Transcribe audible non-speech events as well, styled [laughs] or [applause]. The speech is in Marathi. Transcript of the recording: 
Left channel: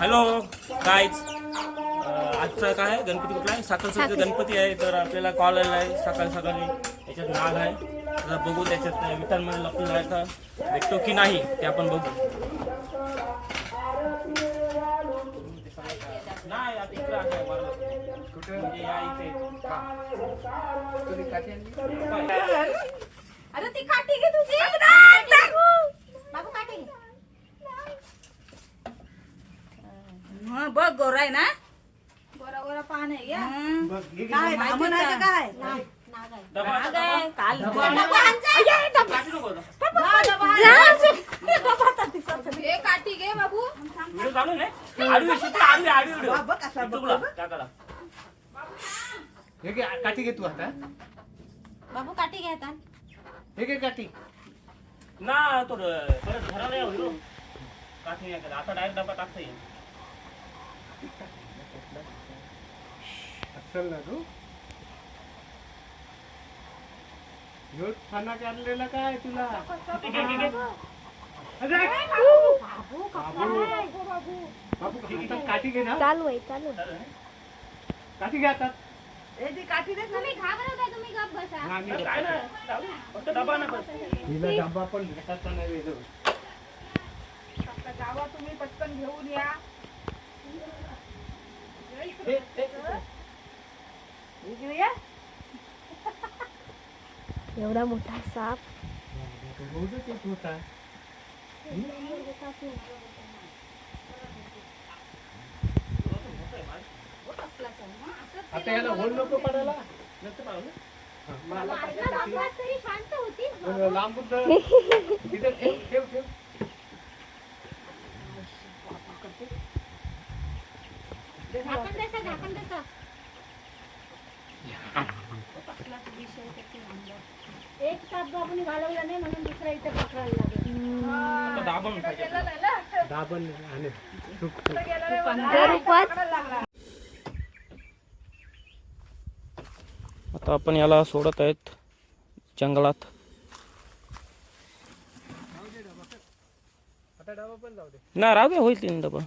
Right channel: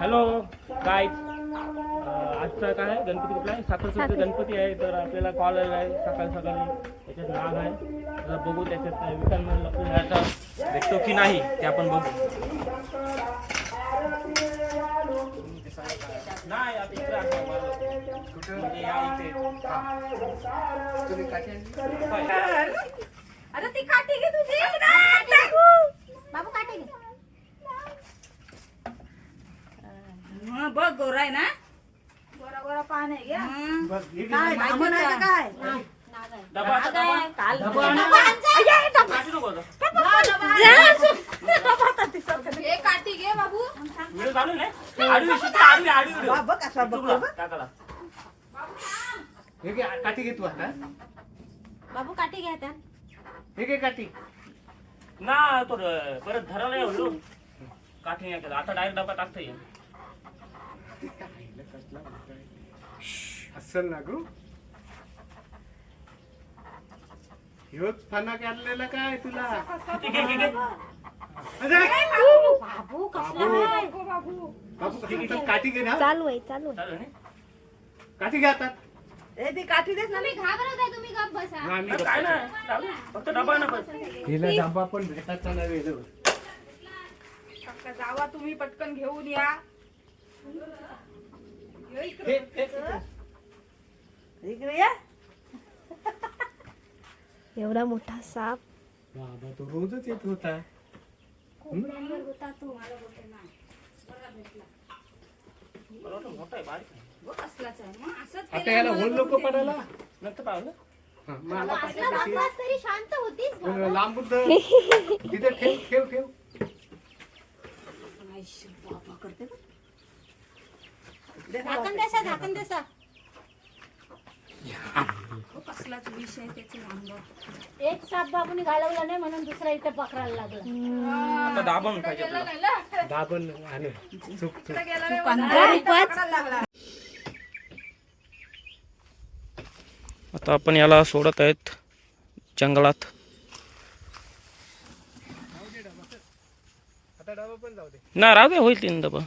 हॅलो गाईज आजचा काय आहे? गणपती कुठला आहे? साखर गणपती आहे तर आपल्याला कॉल आला आहे. सकाळी सकाळी याच्यात नाग आहे. तर बघू त्याच्यात मध्ये लपून राहता भेटतो की नाही ते आपण बघू. नाही आता इकडे आहे मला. म्हणजे या इथे. होय. अरे ती काठी घे तुझी बाबू काठी घे हं, बघ गोरा आहे ना गोरा गोरा पान आहे घ्या. हं. काय बामण आहे का काय नाही. नाग आहे. डबा. काल. ये. काढू नको आता. काठी घे बाबू व्हिडिओ चालू आहे ना आडवी शिकते, आडवी आडवी व्हिडिओ युट्यूबला टाकाला हे घे, काठी घे तू आता बाबू काठी घे आता. हे घे काठी ना तो र- परत येऊ व्हिडिओ काठी नाही केला आता डायरेक्ट डबा टाकता येईल असल ना गो. ह्योच पाना काढलेला काय तुला? काठी घे ना. चालू आहे? काठी घे आता. काठी देत ना तुम्ही घाबरत आहे तुम्ही गप बसा. काय नाही चालू आहे. फक्त डबा ना पण हिला डबा पण तुम्ही पटकन घेऊन ये. इकडे. या. [laughs] एवढा मोठा साप. रोजच येत होता आता याला होल नको पडायला. नंतर पाहू ना. हा, मग आता असला पाहिजे बाबू आज तरी शांत होतीस तशी. बाबा. लांबून धर. तिथे ठेव ठेव ठेव झाकण देसा झाकण देसा कसलाच त्याची. एक साप बाबूने घालवला नाही म्हणून दुसरा इथे पकडायला लागेल आता दाबून पाहिजे आपल्याला. दाबण आणि चुक रूपात आता आपण याला सोडत आहेत जंगलात आता डबा पण जाऊ दे ना राहू दे होईल तीन डबा